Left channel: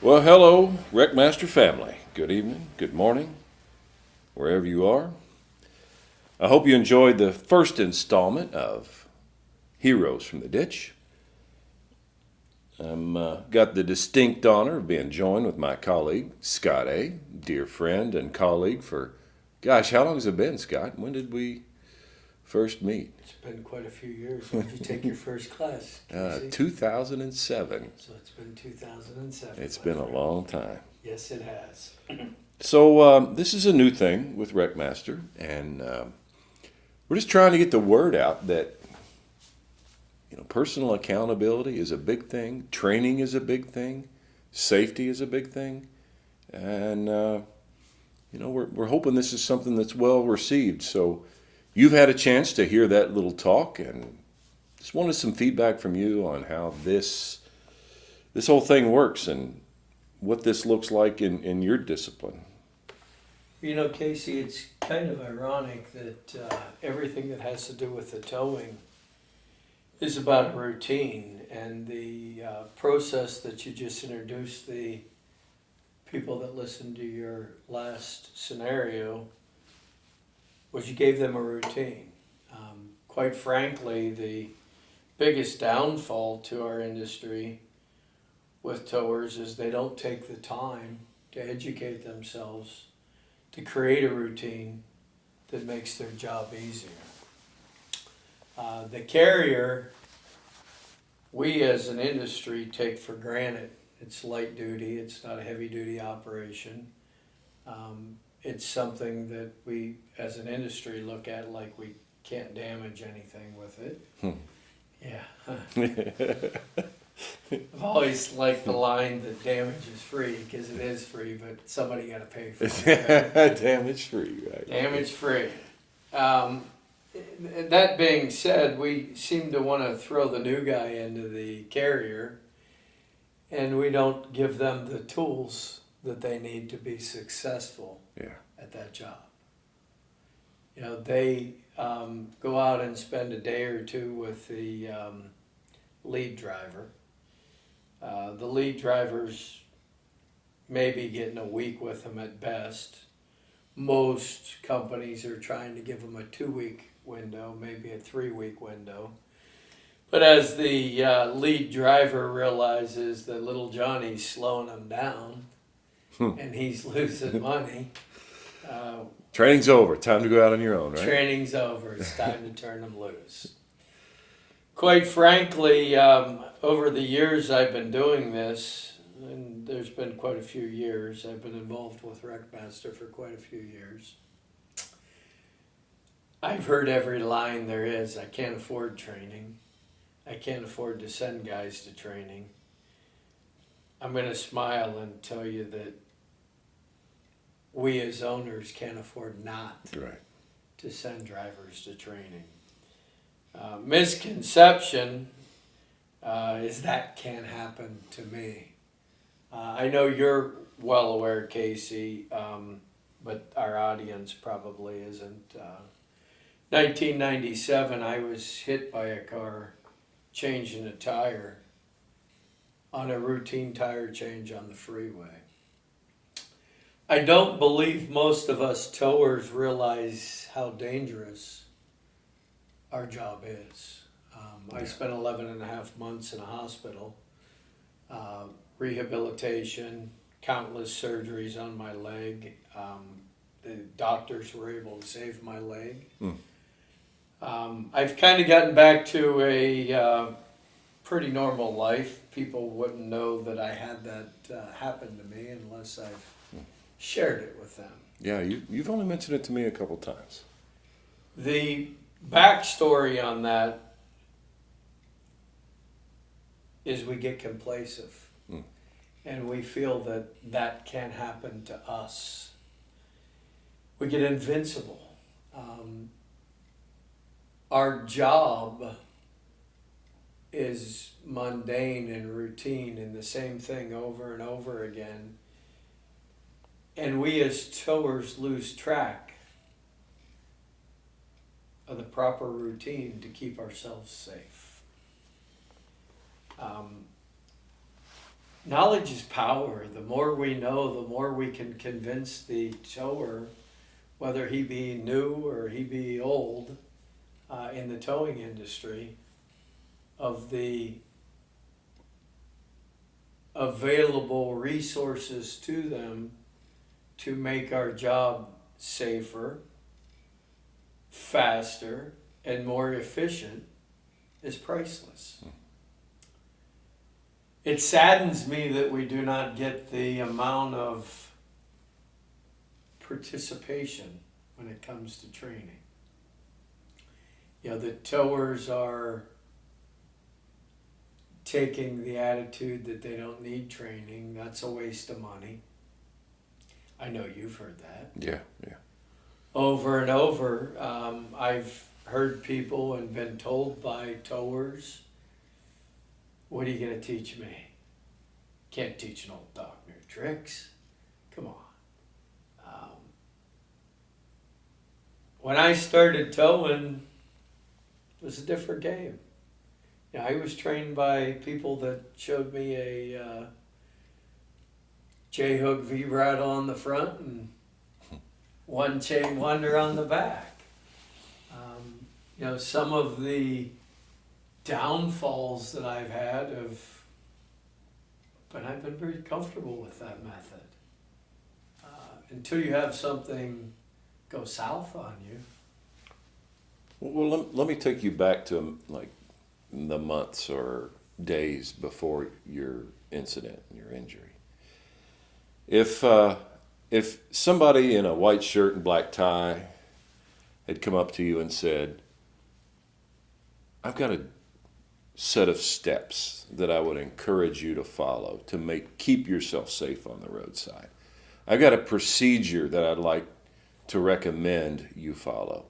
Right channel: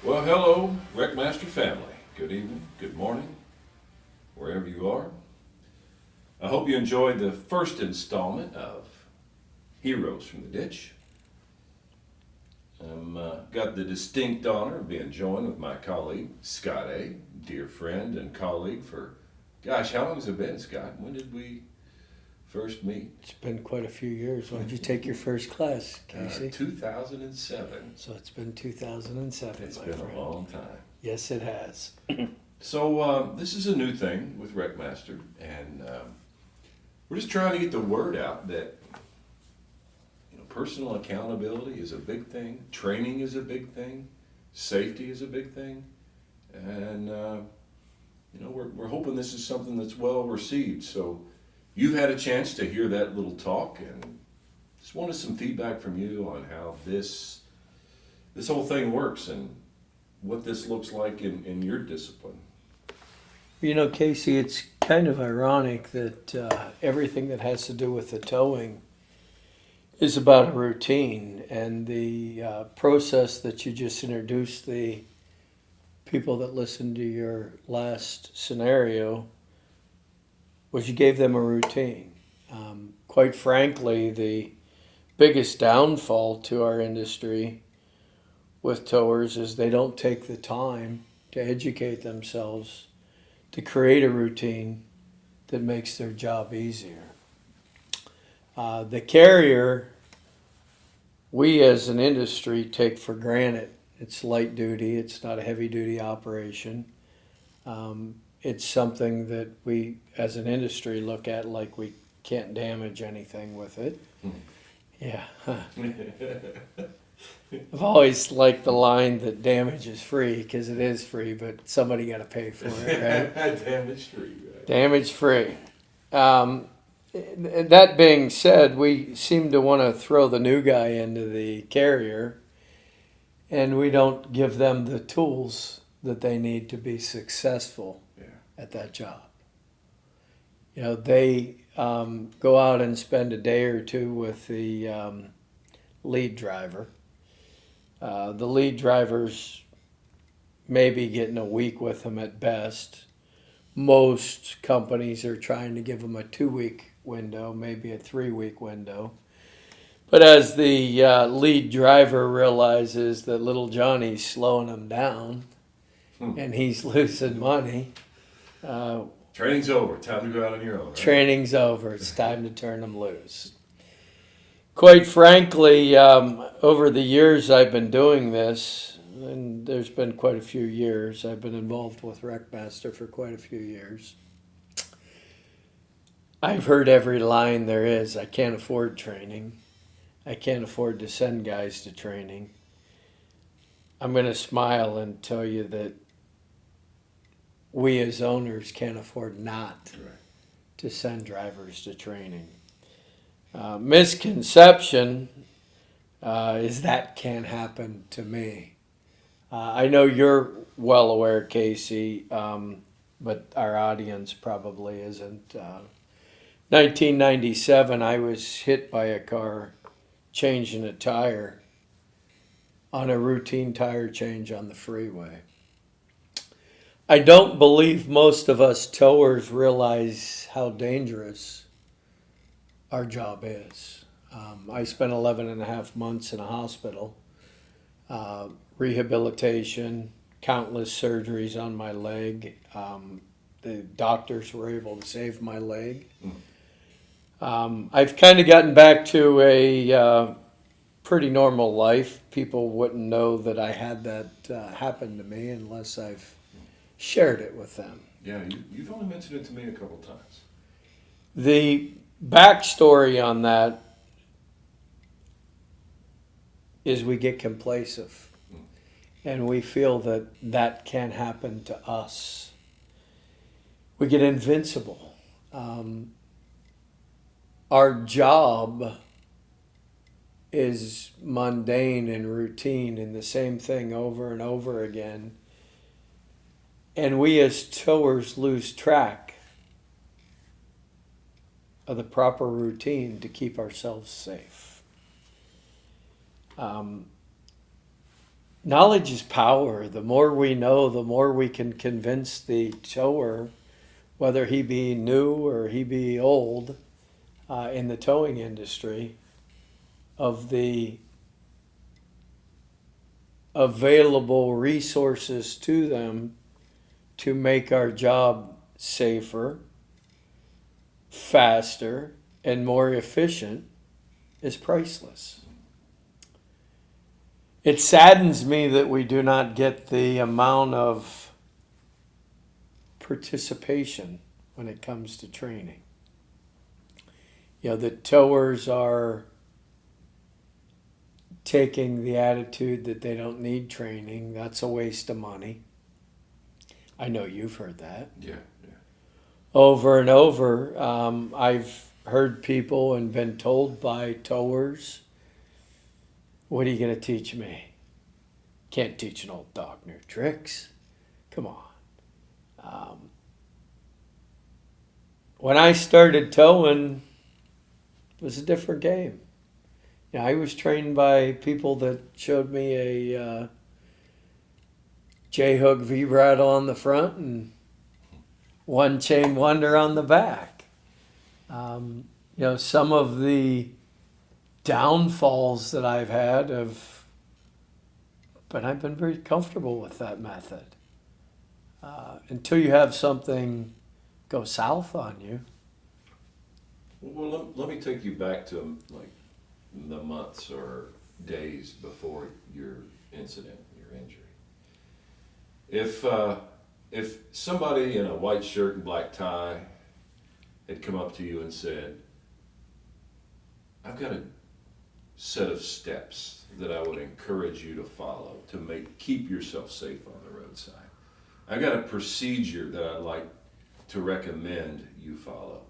Well, hello, WreckMaster family. Good evening, good morning, wherever you are. I hope you enjoyed the first installment of Heroes from the Ditch. I've got the distinct honor of being joined with my colleague, Scott A., dear friend and colleague for, gosh, how long has it been, Scott? When did we first meet? It's been quite a few years. When did you take your first class, Casey? 2007. So it's been 2007. It's my been friend. a long time. Yes, it has. So this is a new thing with WreckMaster, and we're just trying to get the word out that personal accountability is a big thing, training is a big thing, safety is a big thing, and we're hoping this is something that's well received. So you've had a chance to hear that little talk, and just wanted some feedback from you on how this whole thing works and what this looks like in your discipline. You know, Casey, it's kind of ironic that everything that has to do with the towing is about a routine, and the process that you just introduced the people that listened to your last scenario was you gave them a routine. Quite frankly, the biggest downfall to our industry with towers is they don't take the time to educate themselves to create a routine that makes their job easier. The carrier, we as an industry take for granted. It's light duty, it's not a heavy duty operation. It's something that we as an industry look at like we can't damage anything with it. Yeah. I've always liked the line that damage is free, because it is free, but somebody got to pay for it, right? Damage free, right? Damage free. That being said, we seem to want to throw the new guy into the carrier, and we don't give them the tools that they need to be successful at that job. You know, they go out and spend a day or two with the lead driver. The lead driver's maybe getting a week with them at best. Most companies are trying to give them a 2-week window, maybe a 3-week window. But as the lead driver realizes that little Johnny's slowing him down and he's losing money, training's over. Time to go out on your own, right? Training's over. It's time to turn them loose. Quite frankly, over the years I've been doing this, and there's been quite a few years, I've been involved with WreckMaster for quite a few years. I've heard every line there is. I can't afford training. I can't afford to send guys to training. I'm going to smile and tell you that we as owners can't afford not to send drivers to training. Misconception is that can't happen to me. I know you're well aware, Casey, but our audience probably isn't. 1997, I was hit by a car changing a tire on a routine tire change on the freeway. I don't believe most of us towers realize how dangerous our job is. I spent 11 and a half months in a hospital, rehabilitation, countless surgeries on my leg. The doctors were able to save my leg. I've kind of gotten back to a pretty normal life. People wouldn't know that I had that happen to me unless I've shared it with them. Yeah, you've only mentioned it to me a couple times. The backstory on that is we get complacent and we feel that that can happen to us. We get invincible. Our job is mundane and routine and the same thing over and over again. And we as towers lose track of the proper routine to keep ourselves safe. knowledge is power. The more we know, the more we can convince the tower, whether he be new or he be old, in the towing industry, of the available resources to them to make our job safer, faster, and more efficient is priceless. It saddens me that we do not get the amount of participation when it comes to training. You know, the towers are taking the attitude that they don't need training. That's a waste of money. I know you've heard that. Yeah. Over and over. I've heard people and been told by towers, what are you going to teach me? Can't teach an old dog new tricks. Come on. When I started towing, it was a different game. You know, I was trained by people that showed me a J-hook vibrato on the front and one chain wonder on the back. You know, some of the downfalls that I've had but I've been very comfortable with that method. Until you have something go south on you. Well, let me take you back to like the months or days before your incident, your injury. If somebody in a white shirt and black tie had come up to you and said, I've got a set of steps that I would encourage you to follow to keep yourself safe on the roadside. I've got a procedure that I'd like to recommend you follow.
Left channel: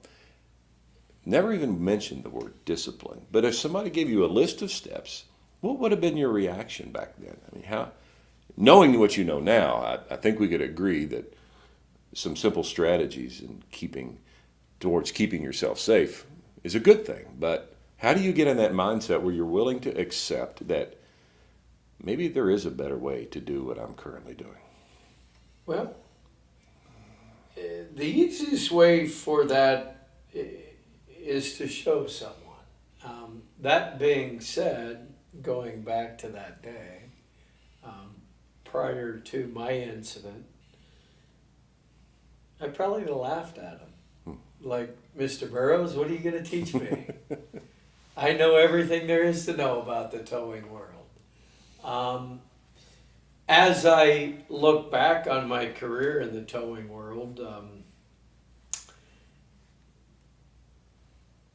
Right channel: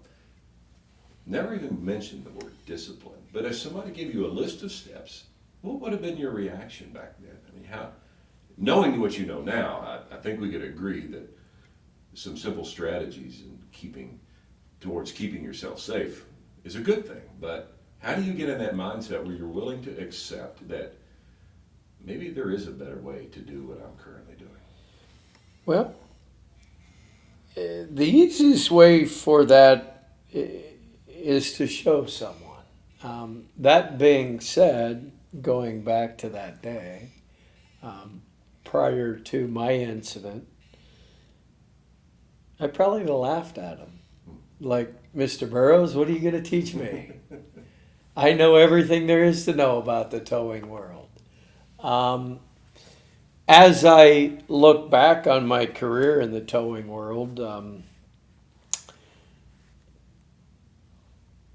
Never even mentioned the word discipline. But if somebody gave you a list of steps, what would have been your reaction back then? I mean, knowing what you know now, I think we could agree that some simple strategies towards keeping yourself safe is a good thing. But how do you get in that mindset where you're willing to accept that maybe there is a better way to do what I'm currently doing? Well, the easiest way for that is to show someone. That being said, going back to that day, prior to my incident, I probably would have laughed at him. Like, Mr. Burrows, what are you going to teach me? I know everything there is to know about the towing world. As I look back on my career in the towing world,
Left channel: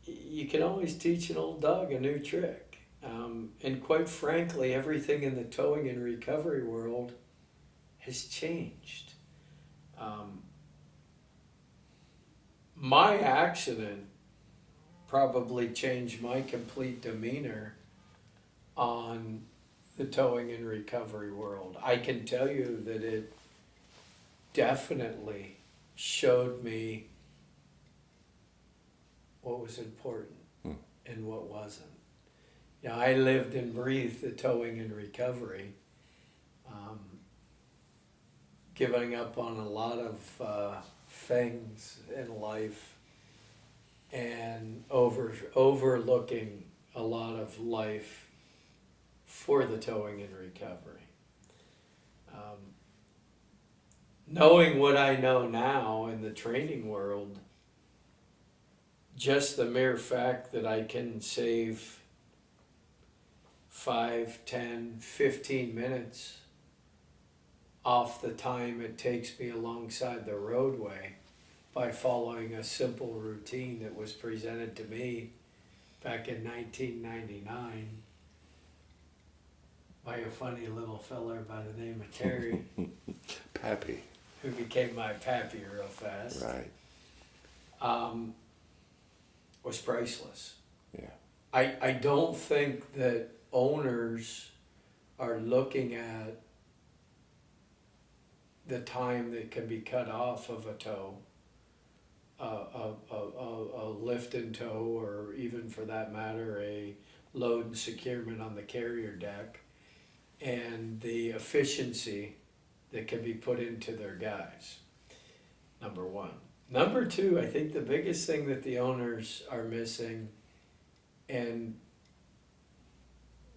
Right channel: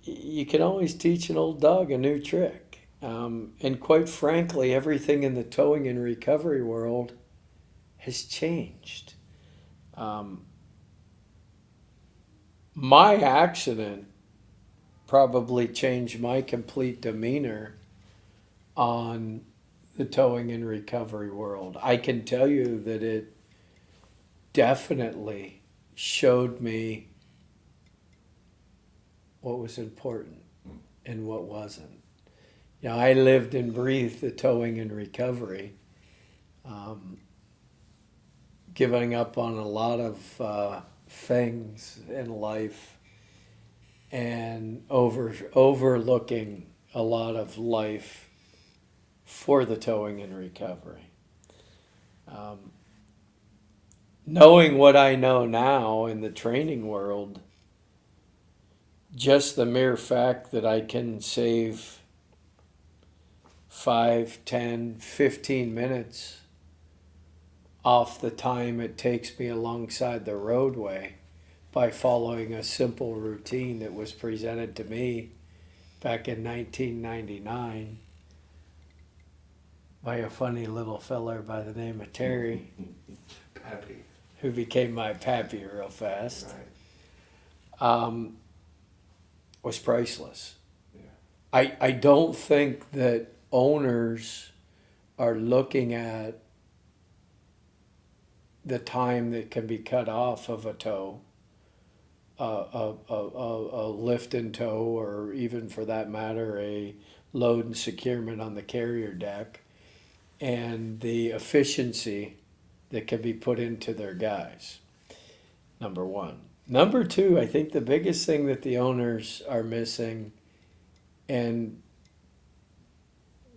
you can always teach an old dog a new trick. And quite frankly, everything in the towing and recovery world has changed. My accident probably changed my complete demeanor on the towing and recovery world. I can tell you that it definitely showed me what was important and what wasn't. You know, I lived and breathed the towing and recovery, giving up on a lot of things in life and overlooking a lot of life for the towing and recovery. Knowing what I know now in the training world, just the mere fact that I can save 5, 10, 15 minutes off the time it takes me alongside the roadway by following a simple routine that was presented to me back in 1999 by a funny little feller by the name of Terry. Pappy. Who became my pappy real fast. Right. Was priceless. Yeah. I don't think that owners are looking at the time that can be cut off of a tow, a lift and tow, or even for that matter, a load and securement on the carrier deck, and the efficiency that can be put into their guys. Number one. Number two, I think the biggest thing that the owners are missing, and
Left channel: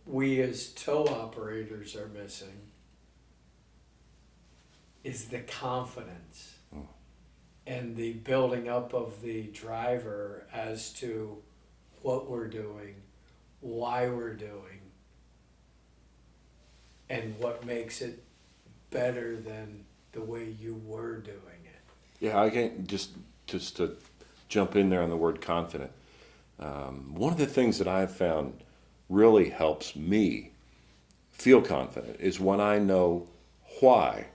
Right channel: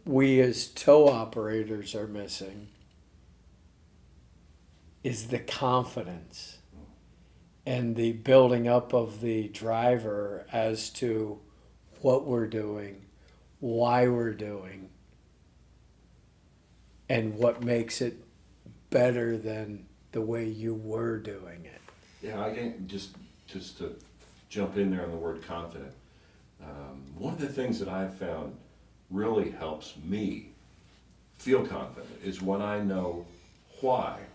we as tow operators are missing, is the confidence and the building up of the driver as to what we're doing, why we're doing, and what makes it better than the way you were doing it. Yeah, I can just to jump in there on the word confident. One of the things that I've found really helps me feel confident is when I know why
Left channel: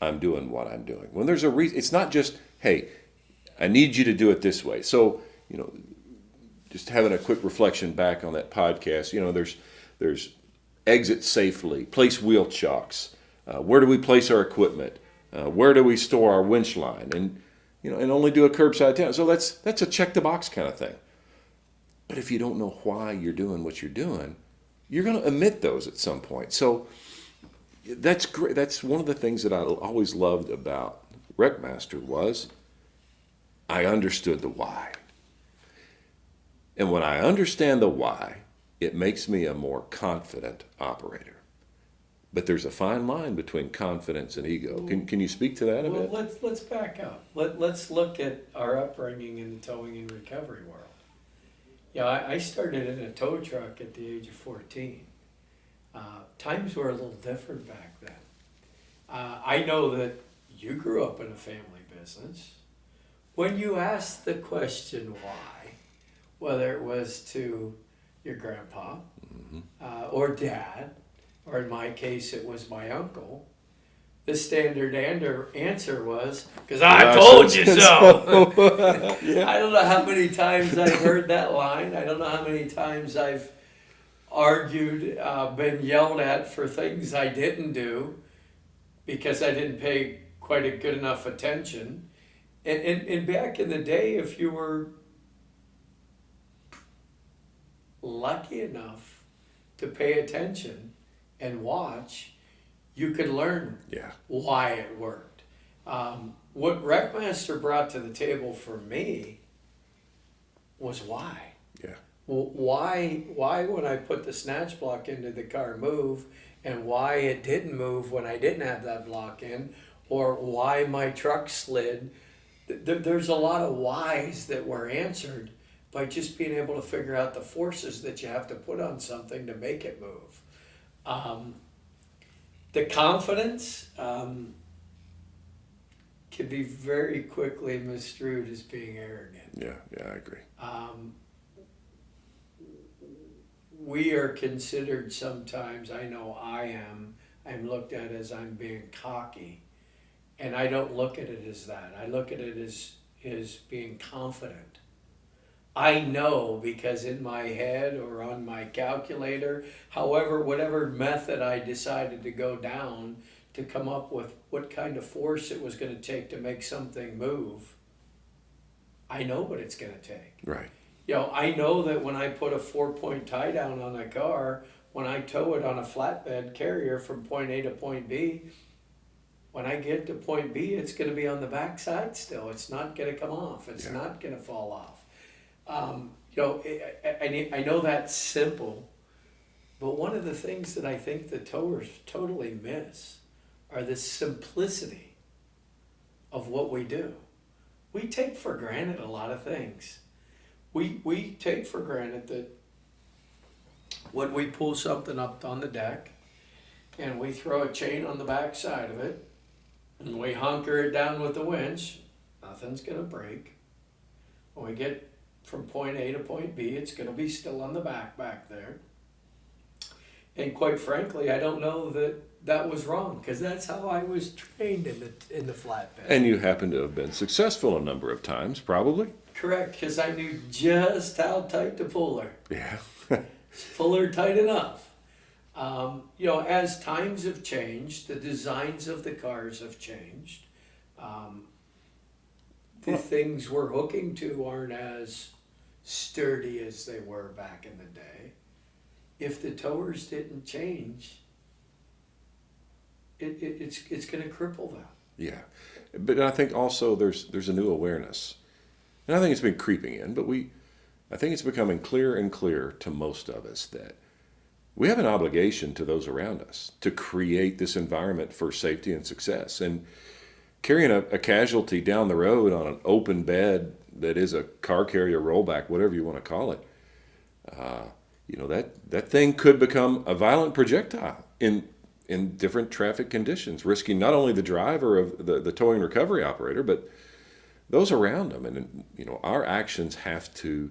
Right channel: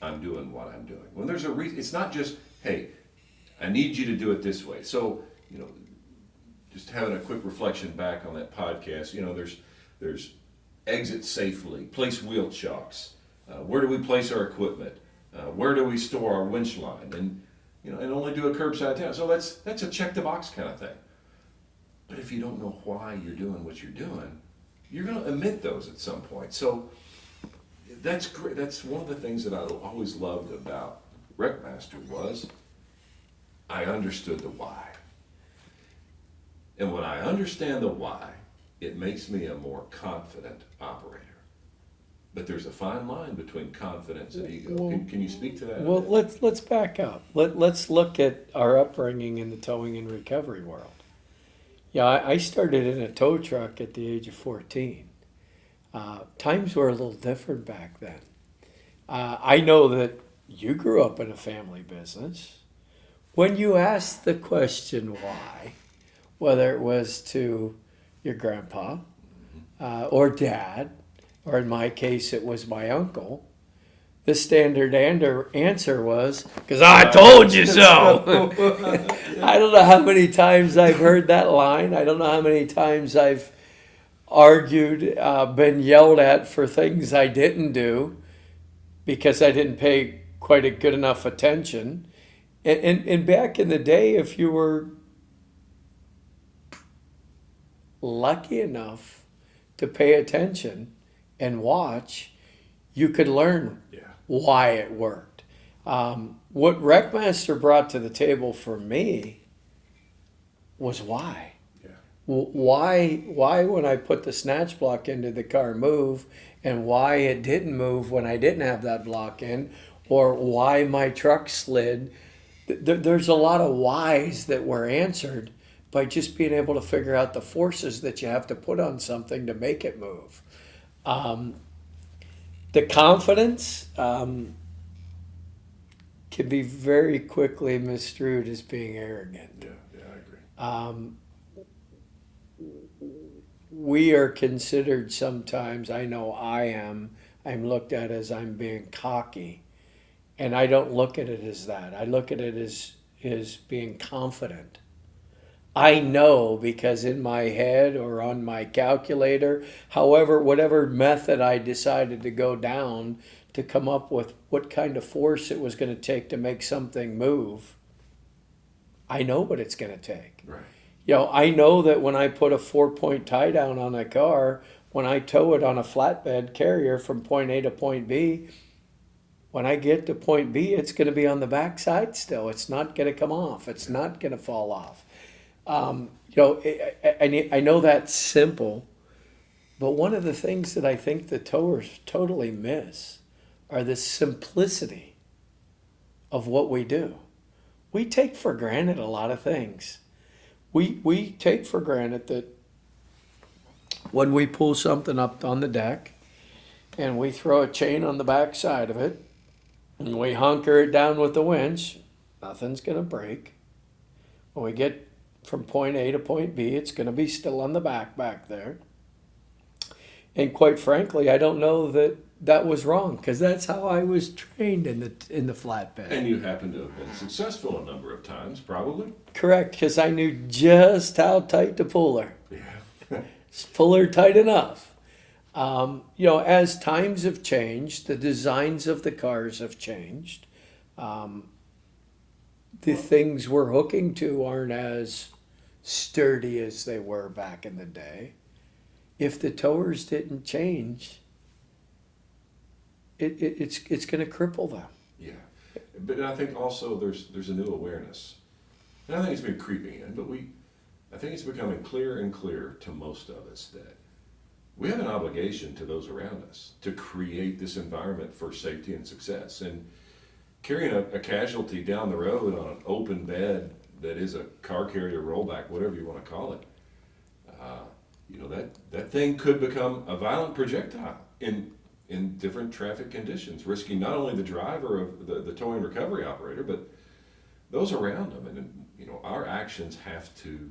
I'm doing what I'm doing. When there's a reason, it's not just, hey, I need you to do it this way. So, just having a quick reflection back on that podcast, there's exit safely, place wheel chocks, where do we place our equipment, where do we store our winch line, and only do a curbside town. So that's a check the box kind of thing. But if you don't know why you're doing what you're doing, you're going to omit those at some point. So that's great. That's one of the things that I always loved about WreckMaster was I understood the why. And when I understand the why, it makes me a more confident operator. But there's a fine line between confidence and ego. Can you speak to that a Well, bit? let's back up. Let's look at our upbringing in the towing and recovery world. Yeah, I started in a tow truck at the age of 14. Times were a little different back then. I know that you grew up in a family business. When you asked the question why, whether it was to your grandpa or dad, or in my case it was my uncle, the standard answer was, because I told you so. I don't know how many times I've heard that line. I don't know how many times I've argued, been yelled at for things I didn't do because I didn't pay quite a good enough attention. And back in the day, if you were lucky enough to pay attention and watch, you could learn why it worked. What WreckMaster brought to the table for me was why. Yeah. Why when I put the snatch block into the car move, and why it didn't move when I didn't have that block in, or why my truck slid. There's a lot of whys that were answered by just being able to figure out the forces that you have to put on something to make it move. The confidence can be very quickly misconstrued as being arrogant. Yeah, I agree. We are considered sometimes, I know I'm looked at as I'm being cocky. And I don't look at it as that. I look at it as being confident. I know because in my head or on my calculator, whatever method I decided to go down to come up with what kind of force it was going to take to make something move, I know what it's going to take. Right. I know that when I put a 4-point tie down on a car, when I tow it on a flatbed carrier from point A to point B, when I get to point B, it's going to be on the backside still. It's not going to come off. It's not going to fall off. I know that's simple, but one of the things that I think the towers totally miss are the simplicity of what we do. We take for granted a lot of things. We take for granted that when we pull something up on the deck and we throw a chain on the back side of it and we hunker it down with the winch, nothing's going to break. When we get from point A to point B, it's going to be still on the back there. And quite frankly, I don't know that was wrong because that's how I was trained in the flatbed. And you happen to have been successful a number of times, probably. Correct, because I knew just how tight to pull her. Yeah. Pull her tight enough. As times have changed, the designs of the cars have changed. The things we're hooking to aren't as sturdy as they were back in the day. If the towers didn't change, it's going to cripple them. Yeah, but I think also there's a new awareness, and I think it's been creeping in. But I think it's becoming clearer and clearer to most of us that we have an obligation to those around us to create this environment for safety and success. And carrying a casualty down the road on an open bed that is a car carrier rollback, whatever you want to call it, that thing could become a violent projectile in different traffic conditions, risking not only the driver of the towing recovery operator, but those around them. And our actions have to,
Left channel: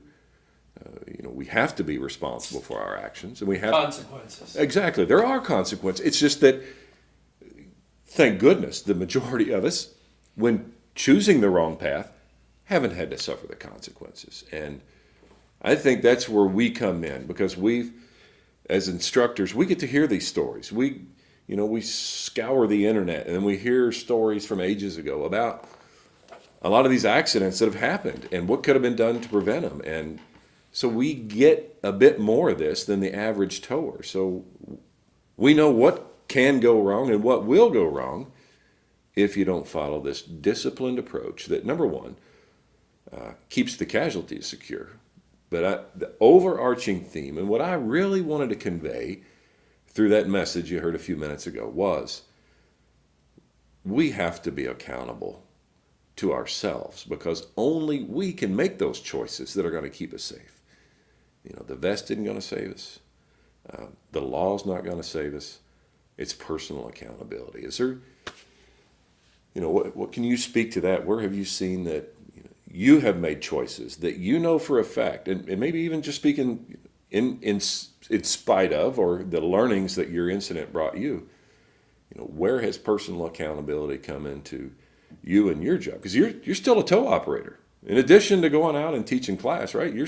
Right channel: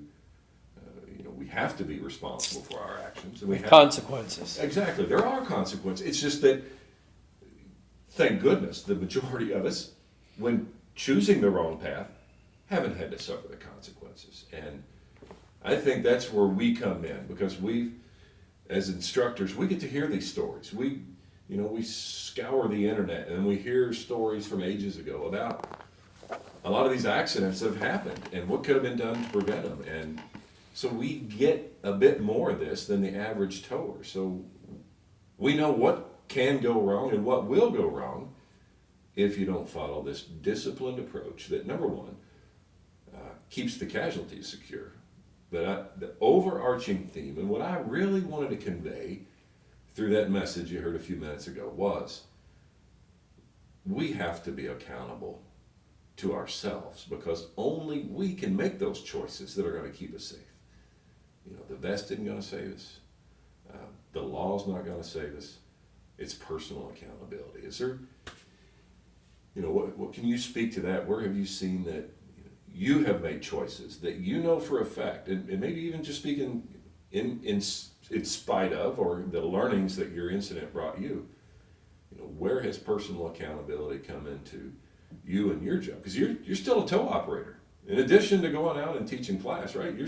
we have to be responsible for our actions, and we have Consequences. Exactly, there are consequences. It's just that, thank goodness, the majority of us, when choosing the wrong path, haven't had to suffer the consequences. And I think that's where we come in, because as instructors, we get to hear these stories. We scour the internet and we hear stories from ages ago about a lot of these accidents that have happened and what could have been done to prevent them. And so we get a bit more of this than the average tower. So we know what can go wrong and what will go wrong if you don't follow this disciplined approach that, number one, keeps the casualties secure. But the overarching theme, and what I really wanted to convey through that message you heard a few minutes ago, was we have to be accountable to ourselves, because only we can make those choices that are going to keep us safe. The vest isn't going to save us. The law's not going to save us. It's personal accountability. Is there, what can you speak to that? Where have you seen that you have made choices that for a fact, and maybe even just speaking in spite of, or the learnings that your incident brought you, where has personal accountability come into you and your job? Because you're still a tow operator. In addition to going out and teaching class, right? I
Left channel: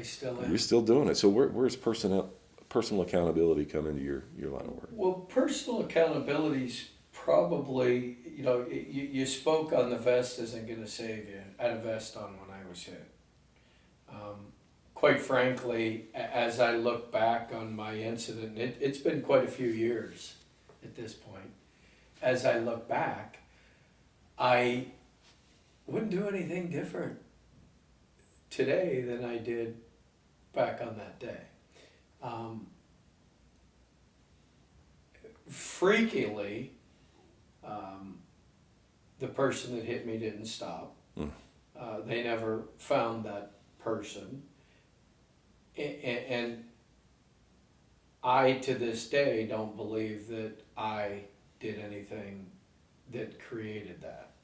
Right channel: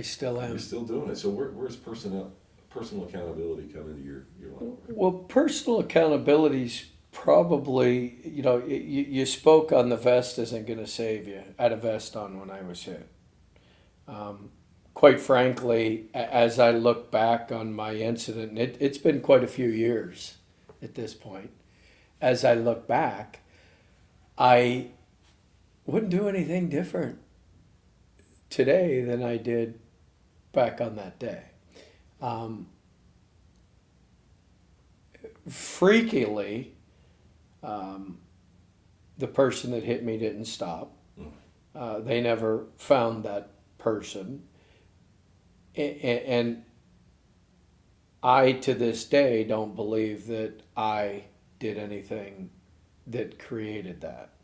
still am. You're still doing it. So where's personal accountability come into your line of work? Well, personal accountability's probably, you spoke on the vest isn't going to save you. I had a vest on when I was hit. Quite frankly, as I look back on my incident, it's been quite a few years at this point. As I look back, I wouldn't do anything different today than I did back on that day. Freakily, the person that hit me didn't stop. They never found that person. And I, to this day, don't believe that I did anything that created that.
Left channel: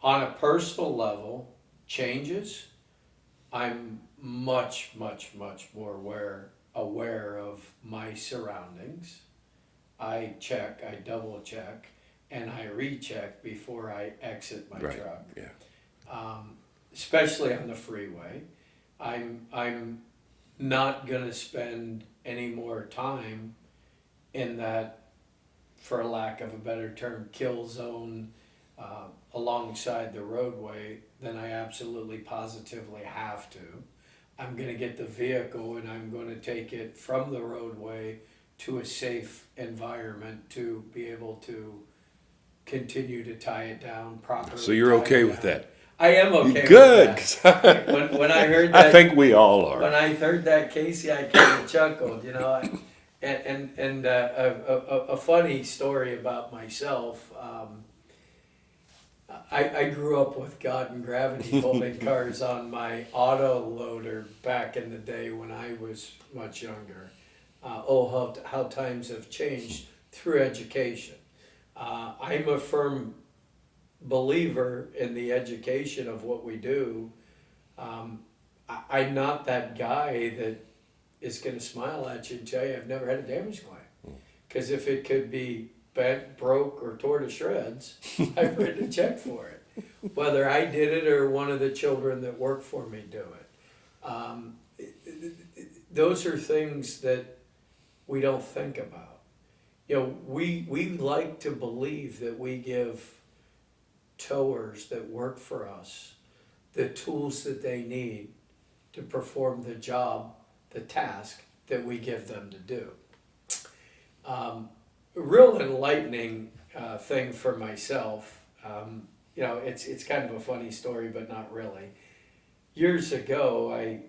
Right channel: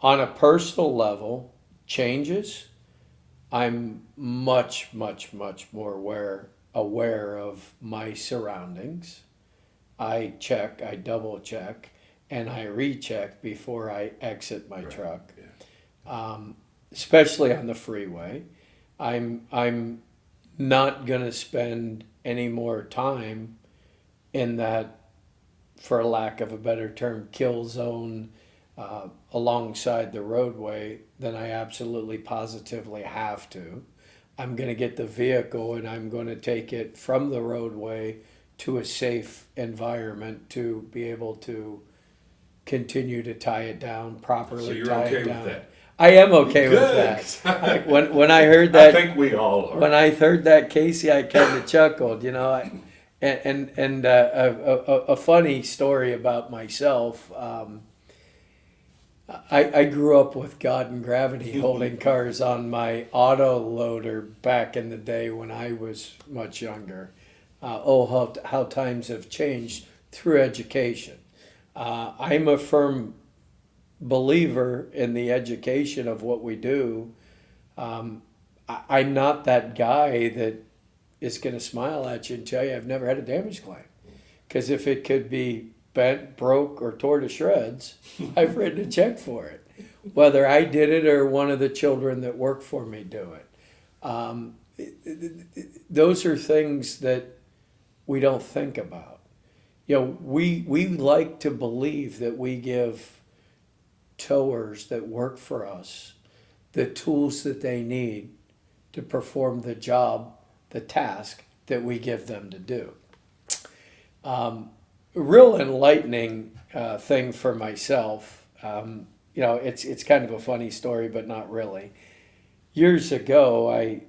On a personal level, changes, I'm much, much, much more aware of my surroundings. I check, I double check, and I recheck before I exit my truck. Yeah. Especially on the freeway. I'm not gonna spend any more time in that, for a lack of a better term, kill zone alongside the roadway than I absolutely positively have to. I'm going to get the vehicle and I'm going to take it from the roadway to a safe environment to be able to continue to tie it down properly. So you're okay with that? I am okay with that. When I heard that, I think we all are. When I heard that, Casey, I kind of chuckled. And a funny story about myself. I grew up with God and gravity holding cars on my auto loader back in the day when I was much younger. How times have changed through education. I'm a firm believer in the education of what we do. I'm not that guy that is going to smile at you and tell you I've never had a damage claim. Because if it could be bent, broke, or tore to shreds, I've written a check for it. Whether I did it or one of the children that work for me do it. Those are things that we don't think about. We like to believe that we give towers that work for us the tools that they need to perform the job, the task that we give them to do. real enlightening thing for myself. It's kind of a funny story, but not really. Years ago, I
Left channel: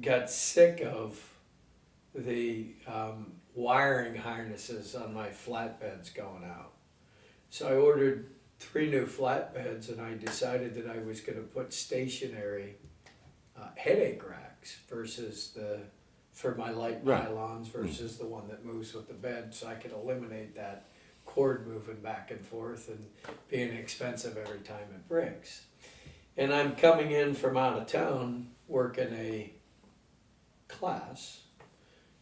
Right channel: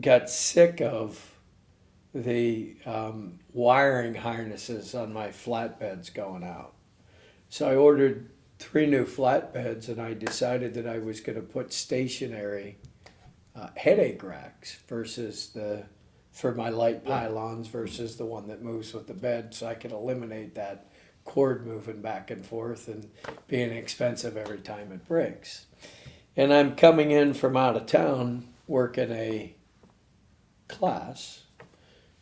got sick of the wiring harnesses on my flatbeds going out. So I ordered 3 new flatbeds, and I decided that I was going to put stationary headache racks for my light pylons versus the one that moves with the bed, so I could eliminate that cord moving back and forth and being expensive every time it breaks. And I'm coming in from out of town working a class.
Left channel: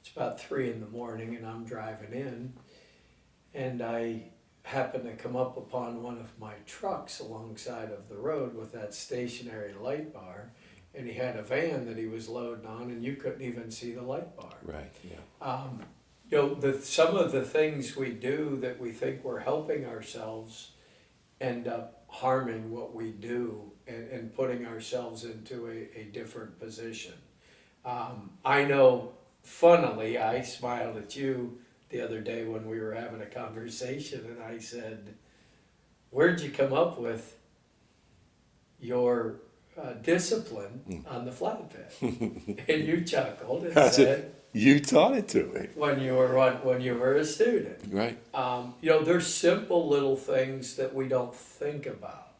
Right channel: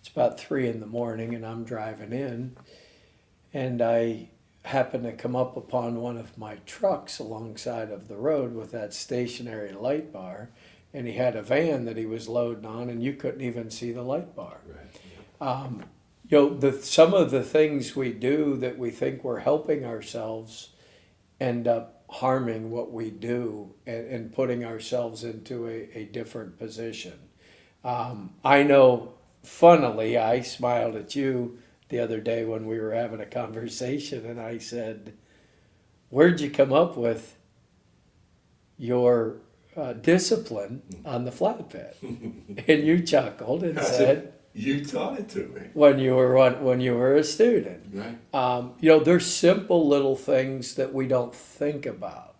It's about 3 in the morning, and I'm driving in, and I happen to come up upon one of my trucks alongside of the road with that stationary light bar, and he had a van that he was loading on, and you couldn't even see the light bar. Right. Yeah. Some of the things we do that we think we're helping ourselves end up harming what we do and putting ourselves into a different position. I know, funnily, I smiled at you the other day when we were having a conversation, and I said, where'd you come up with your discipline on the flatbed? And you chuckled and said, you taught it to me when you were a student. right. There's simple little things that we don't think about.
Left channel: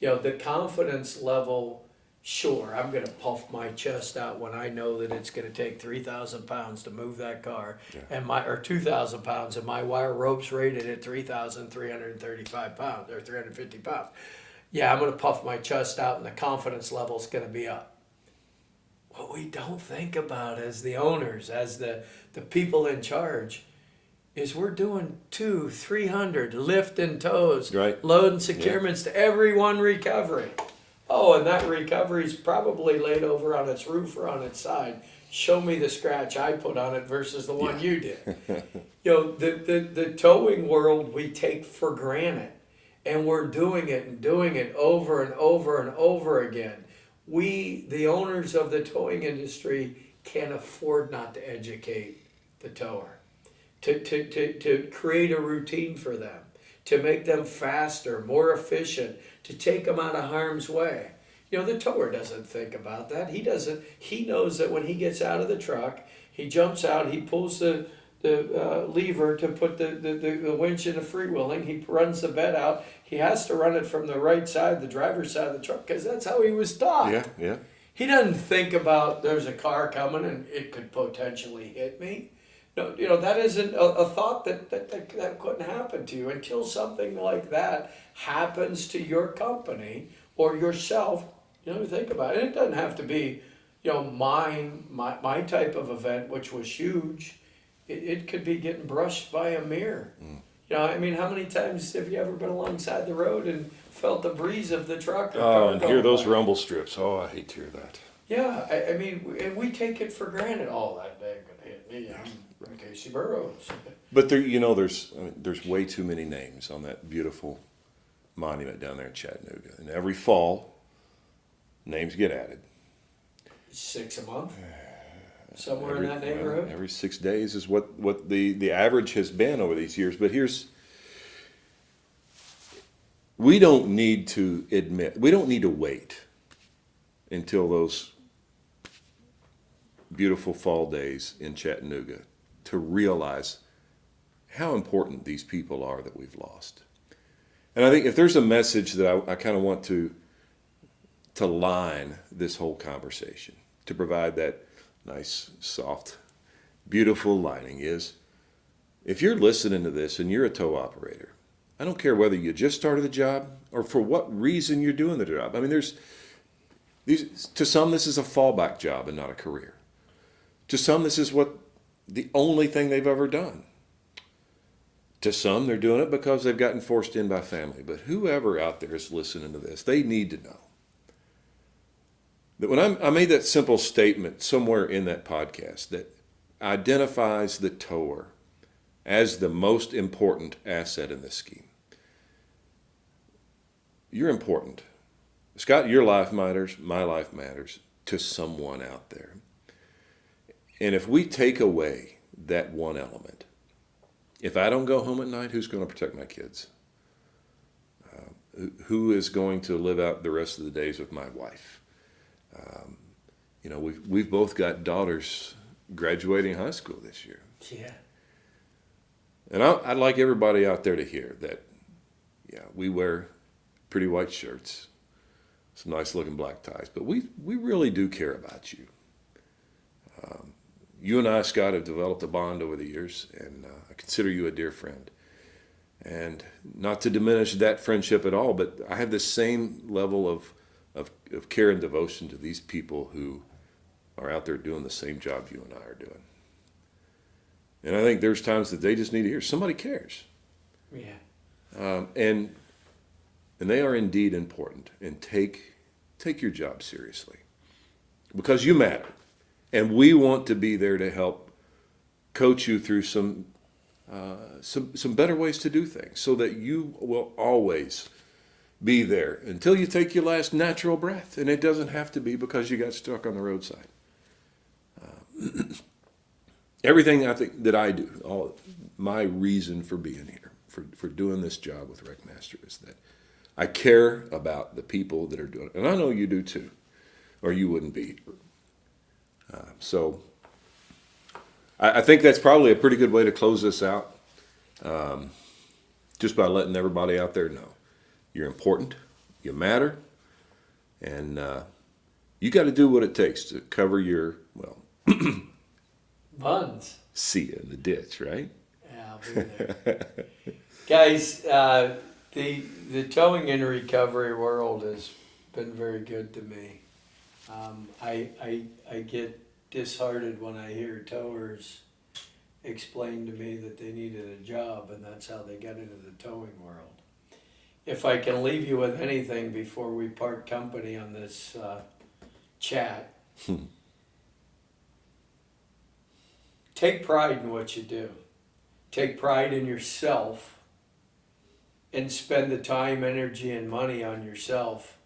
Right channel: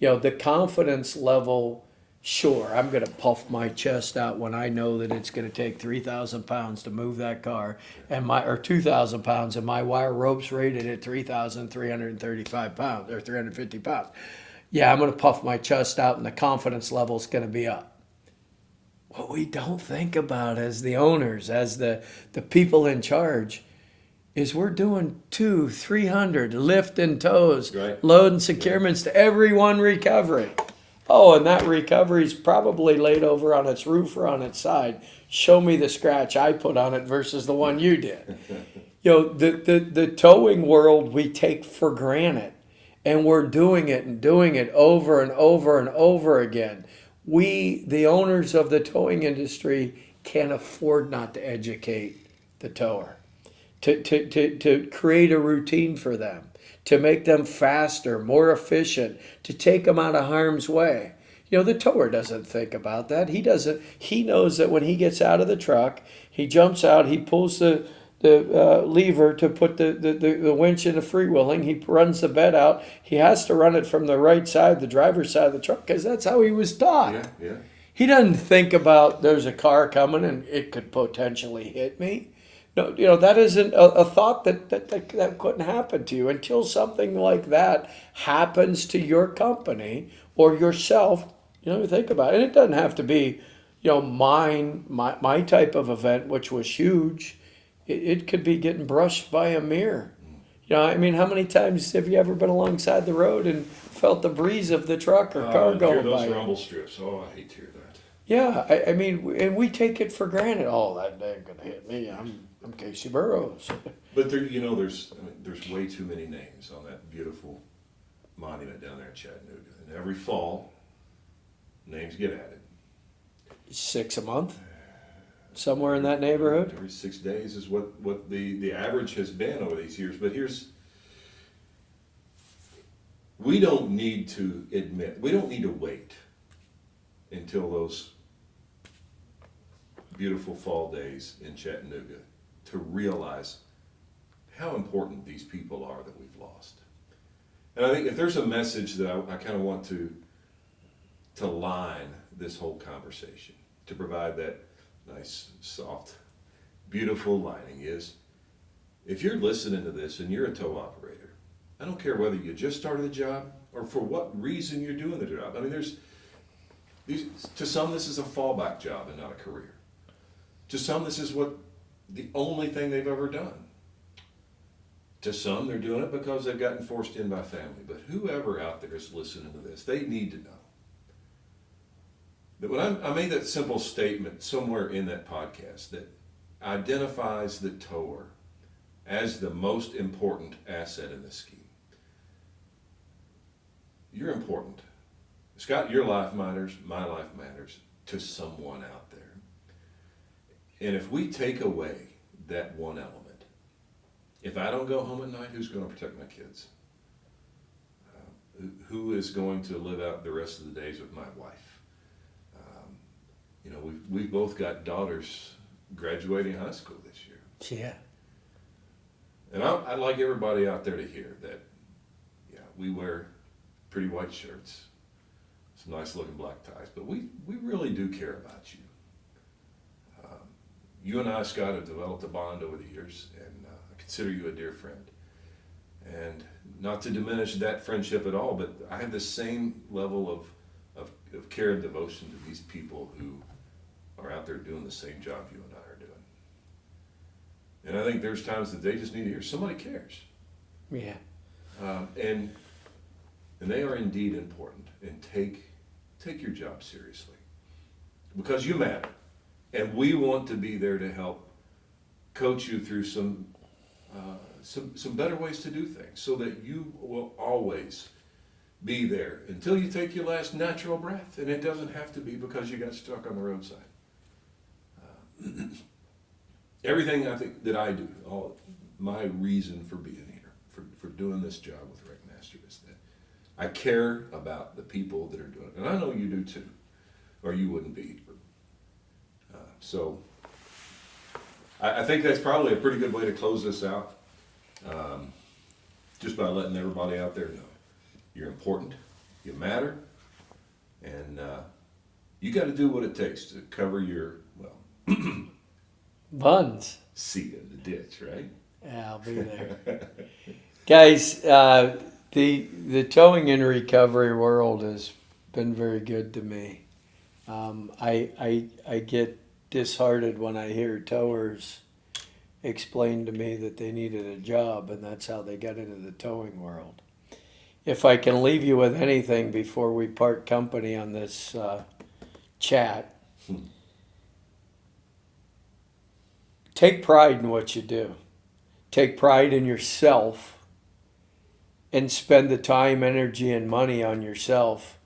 The confidence level. Sure, I'm going to puff my chest out when I know that it's going to take 3,000 pounds to move that car, or 2,000 pounds, and my wire rope's rated at 3,335 pounds or 350 pounds. Yeah, I'm going to puff my chest out, and the confidence level's going to be up. What we don't think about as the owners, as the people in charge, is we're doing 200-300 lift and tows, Right. load and securements to every one recovery. Oh, and that recovery's probably laid over on its roof or on its side. Show me the scratch I put on it versus the one you did. The towing world we take for granted, and we're doing it over and over and over again. We, the owners of the towing industry, can't afford not to educate the tower, to create a routine for them, to make them faster, more efficient, to take them out of harm's way. The tower doesn't think about that. He knows that when he gets out of the truck, he jumps out, he pulls the lever to put the winch in the freewheeling, he runs the bed out. He has to run it from the right side, the driver's side of the truck, because that's how he was taught. Yeah. He doesn't think about there's a car coming and it could potentially hit me. No, that isn't a thought that couldn't happen to you until something like that happens to your company or yourself. Think about it. And it doesn't have to be, my type of event, which was huge. It could be getting brushed by a mirror. How many times have you ever been alongside the road and felt the breeze of the truck or car going hear those by? rumble strips. Oh, I hate to hear that. Yeah, and we take it for granted. Oh, that day gonna hit me. I'm Casey Burrows. But there's way too many names on that beautiful monument down there in Chattanooga. And every fall, names get added. 6 a month, somewhere in that neighborhood. Every 6 days is what the average has been over these years. But we don't need to wait until those beautiful fall days in Chattanooga to realize how important these people are that we've lost. And I think if there's a message that I kind of want to line this whole conversation, to provide that nice, soft, beautiful lining, is if you're listening to this and you're a tow operator, I don't care whether you just started the job or for what reason you're doing the job. To some, this is a fallback job and not a career. To some, this is the only thing they've ever done. To some, they're doing it because they've gotten forced in by family. But whoever out there is listening to this, they need to know that when I made that simple statement somewhere in that podcast that identifies the tower as the most important asset in this scheme. You're important. Scott, your life matters, my life matters to someone out there. And if we take away that one element, if I don't go home at night, who's going to protect my kids? Who is going to live out the rest of the days with my wife? You know, we've both got daughters graduating high school this year. Yeah. And I'd like everybody out there to hear that, yeah, we wear pretty white shirts, some nice looking black ties, but we really do care about you. You and I, Scott, have developed a bond over the years, and I consider you a dear friend. And not to diminish that friendship at all, but I have the same level of care and devotion to these people who are out there doing the same job you and I are doing. And I think there's times that they just need to hear somebody cares. Yeah. And they are indeed important. And take your job seriously, because you matter, and we want to be there to help coach you through some better ways to do things, so that you will always be there until you take your last natural breath. And it doesn't have to be because you got stuck on the roadside. Everything I think that I do, my reason for being here, for doing this job with WreckMaster, is that I care about the people that are doing it. And I know you do too, or you wouldn't be here. So I think that's probably a pretty good way to close this out, just by letting everybody out there know you're important, you matter, and you got to do what it takes to cover your, well, Buns. see you in the ditch, right? Yeah, I'll be there. Guys, the towing and recovery world has been very good to me. I get disheartened when I hear towers explain to me that they needed a job, and that's how they got into the towing world. If I can leave you with anything before we part company on this chat, take pride in what you do. Take pride in yourself, and spend the time, energy, and money on yourself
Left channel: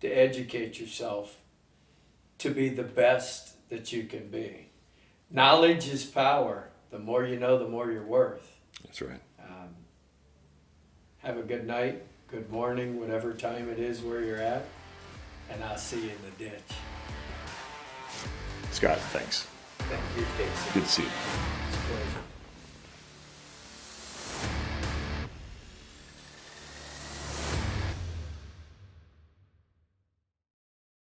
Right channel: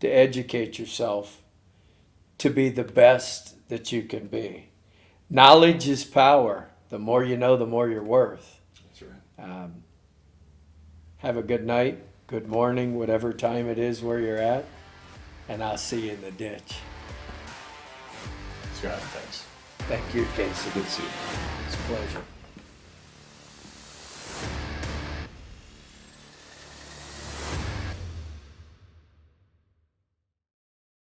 to educate yourself to be the best that you can be. Knowledge is power. The more you know, the more you're worth. That's right. Have a good night, good morning, whatever time it is where you're at, and I'll see you in the ditch. Scott, thanks. Thank you, Casey. Good to see you. It's a pleasure.